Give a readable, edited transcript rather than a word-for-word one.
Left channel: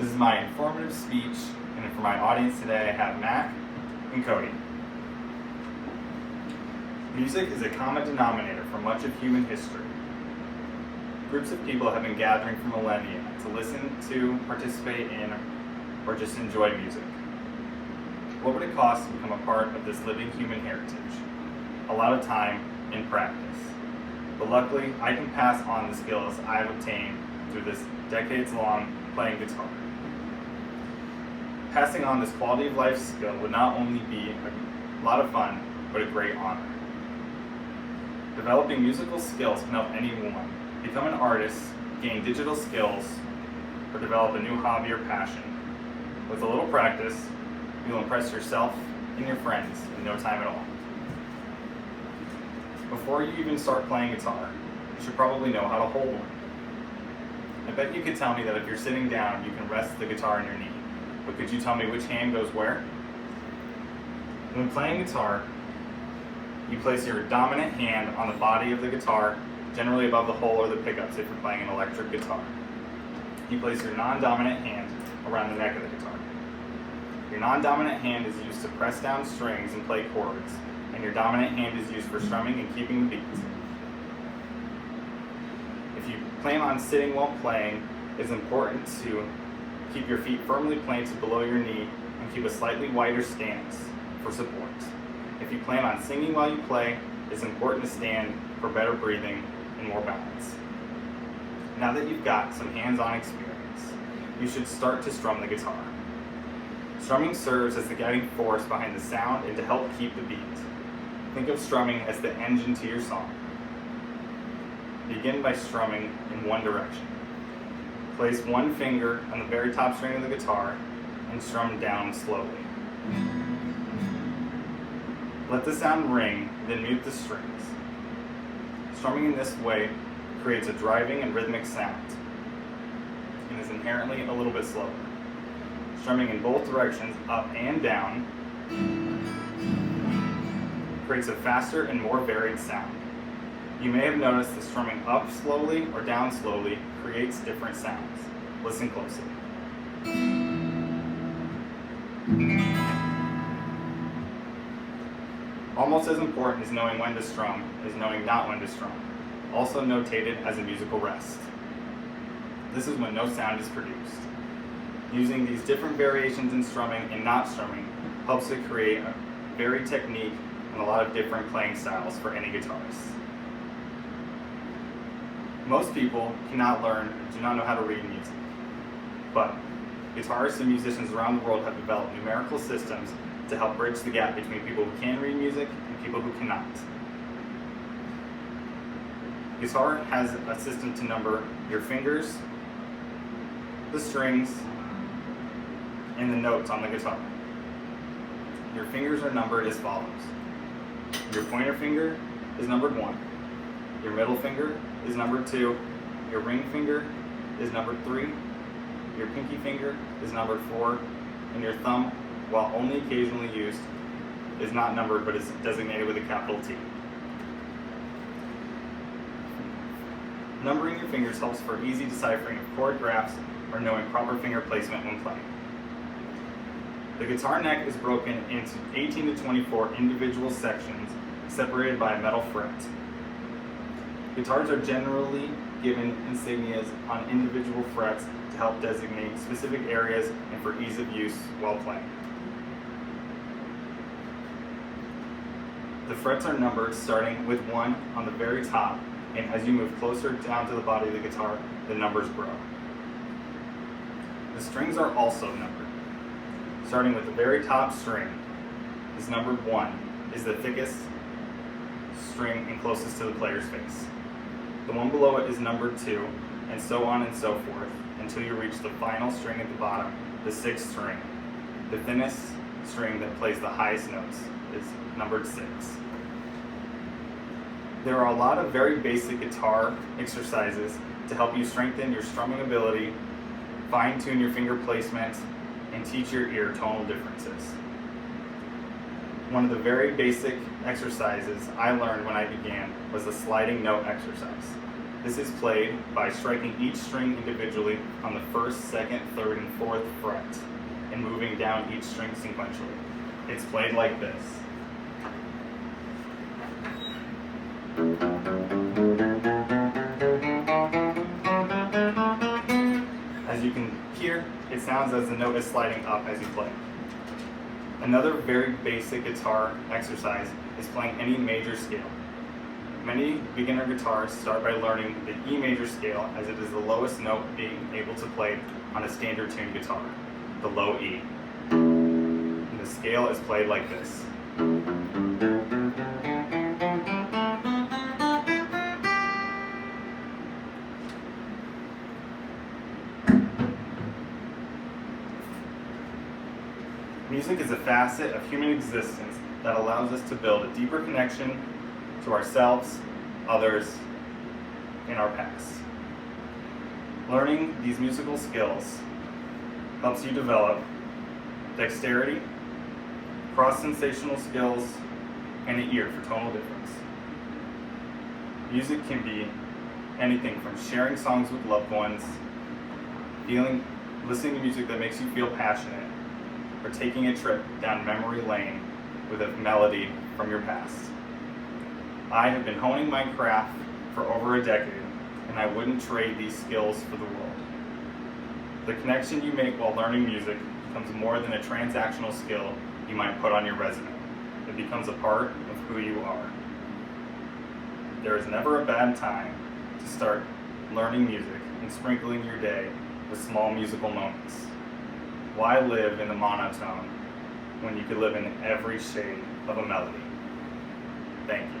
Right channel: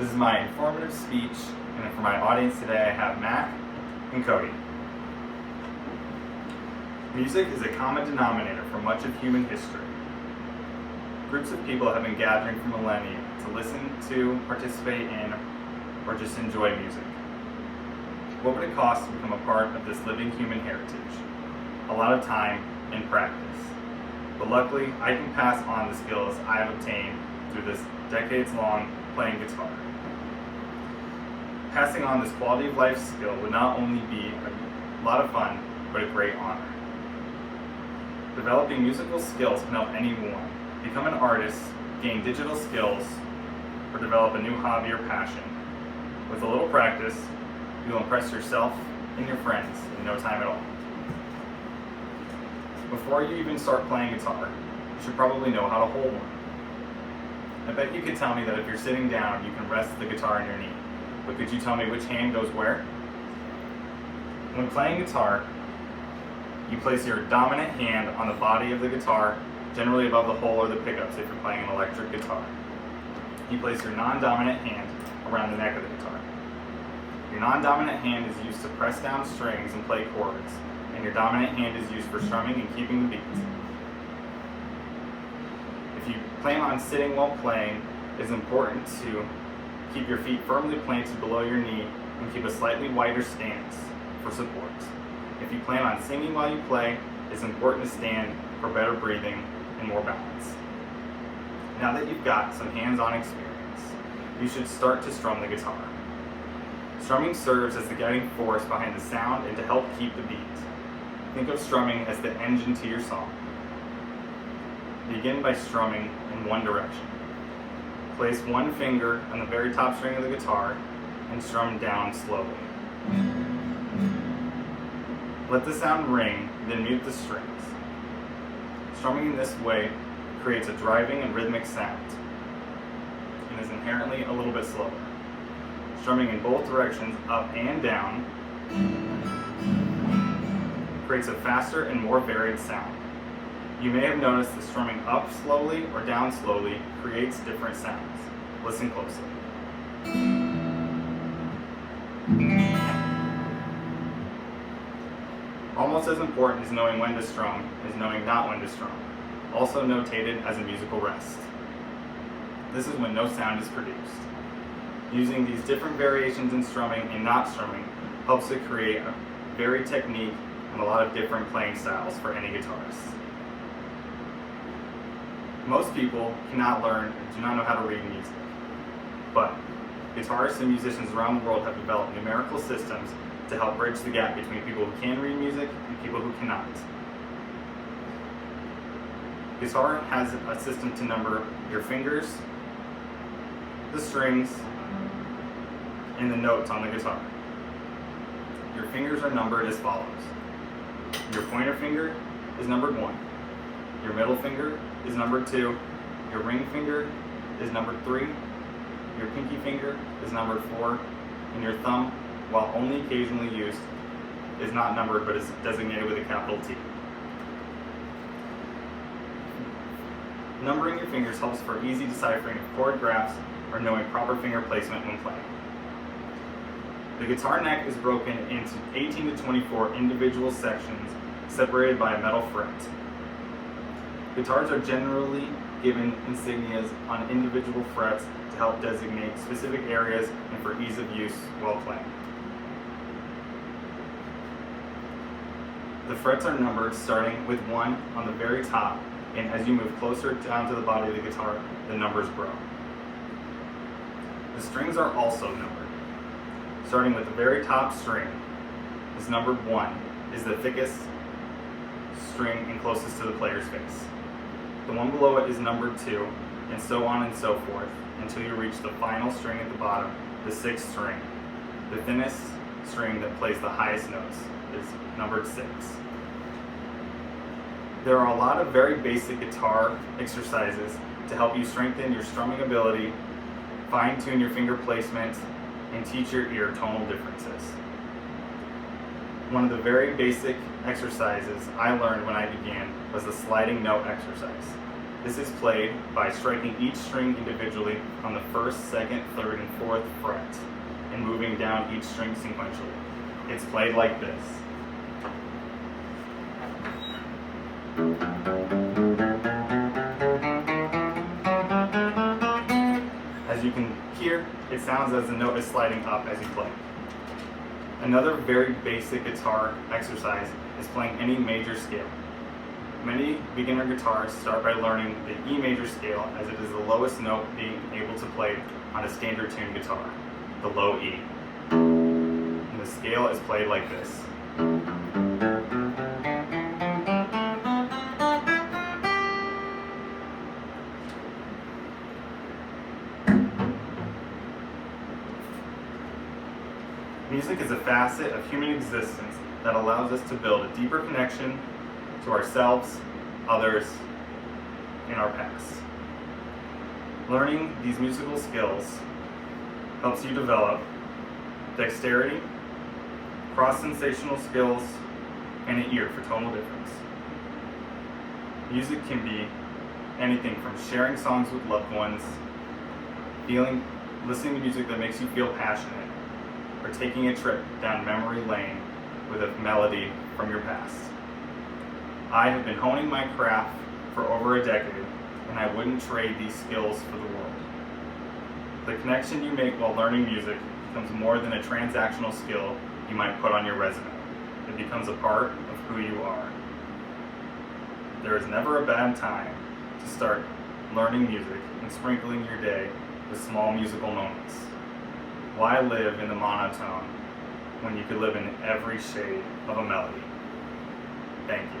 This is my informative speech, and for my audience today I have Mac and Cody. Music is a common denominator for much of human history. Groups of people have been gathering for millennia to listen to, participate in, or just enjoy music. What would it cost to become a part of this living human heritage? A lot of time and practice. But luckily, I can pass on the skills I've obtained through this decades-long playing guitar. Passing on this quality of life skill would not only be a lot of fun, but a great honor. Developing musical skills can help anyone become an artist, gain digital skills, or develop a new hobby or passion. With a little practice, you will impress yourself and your friends in no time at all. Before you even start playing guitar, you should probably know how to hold one. I bet you could tell me that if you're sitting down, you can rest the guitar on your knee. But could you tell me which hand goes where? When playing guitar, you place your dominant hand on the body of the guitar, generally above the hole or the pickups if you're playing an electric guitar. You place your non-dominant hand around the neck of the guitar. Your non-dominant hand is used to press down strings and play chords, and your dominant hand is used for strumming and keeping the beat. If you plan on sitting while playing, it's important to keep your feet firmly planted below your knee and keep a slightly wider stance for support. If you plan on singing while you play, it's important to stand for better breathing and more balance. Now that you've got some hands-on experience, you should start to strum the guitar. Strumming serves as the guiding force behind the sound and to help keep the beat. Think of strumming as the engine to your song. Begin by strumming in one direction. Place one finger on the very top string of the guitar and strum down slowly. Let the sound ring, then mute the strings. Strumming in this way creates a driving and rhythmic sound and is inherently a little bit slower. Strumming in both directions, up and down, creates a faster and more varied sound. You may have noticed that strumming up slowly or down slowly creates different sounds. Listen closely. Almost as important as knowing when to strum is knowing not when to strum, also notated as a musical rest. This is when no sound is produced. Using these different variations in strumming and not strumming helps to create a varied technique and a lot of different playing styles for any guitarist. Most people cannot learn and do not know how to read music, but guitarists and musicians around the world have developed numerical systems to help bridge the gap between people who can read music and people who cannot. Guitar has a system to number your fingers, the strings, and the notes on the guitar. Your fingers are numbered as follows. Your pointer finger is numbered 1. Your middle finger is numbered 2. Your ring finger is numbered 3. Your pinky finger is numbered 4. And your thumb, while only occasionally used, is not numbered but is designated with a capital T. Numbering your fingers helps for easy deciphering of chord graphs or knowing proper finger placement when playing. The guitar neck is broken into 18 to 24 individual sections separated by a metal fret. Guitars are generally given insignias on individual frets to help designate specific areas and for ease of use while playing. The frets are numbered starting with 1 on the very top, and as you move closer down to the body of the guitar, the numbers grow. The strings are also numbered. Starting with the very top string is numbered 1, is the thickest string and closest to the player's face. The one below it is numbered 2, and so on and so forth, until you reach the final string at the bottom, the 6th string. The thinnest string that plays the highest notes is numbered 6. There are a lot of very basic guitar exercises to help you strengthen your strumming ability, fine-tune your finger placement, and teach your ear tonal differences. One of the very basic exercises I learned when I began was the sliding note exercise. This is played by striking each string individually on the first, second, third, and fourth fret, and moving down each string sequentially. It's played like this. As you can hear, it sounds as the note is sliding up as you play. Another very basic guitar exercise is playing any major scale. Many beginner guitarists start by learning the E major scale, as it is the lowest note being able to play on a standard tuned guitar, the low E. And the scale is played like this. Music is a facet of human existence that allows us to build a deeper connection to ourselves, others, and our past. Learning these musical skills helps you develop dexterity, cross-sensational skills, and an ear for tonal difference. Music can be anything from sharing songs with loved ones, listening to music that makes you feel passionate, or taking a trip down memory lane with a melody from your past. I have been honing my craft for over a decade, and I wouldn't trade these skills for the world. The connection you make while learning music becomes more than a transactional skill you might put on your resume. It becomes a part of who you are. There is never a bad time to start learning music and sprinkling your day with small musical moments. Why live in the monotone when you could live in every shade of a melody? Thank you.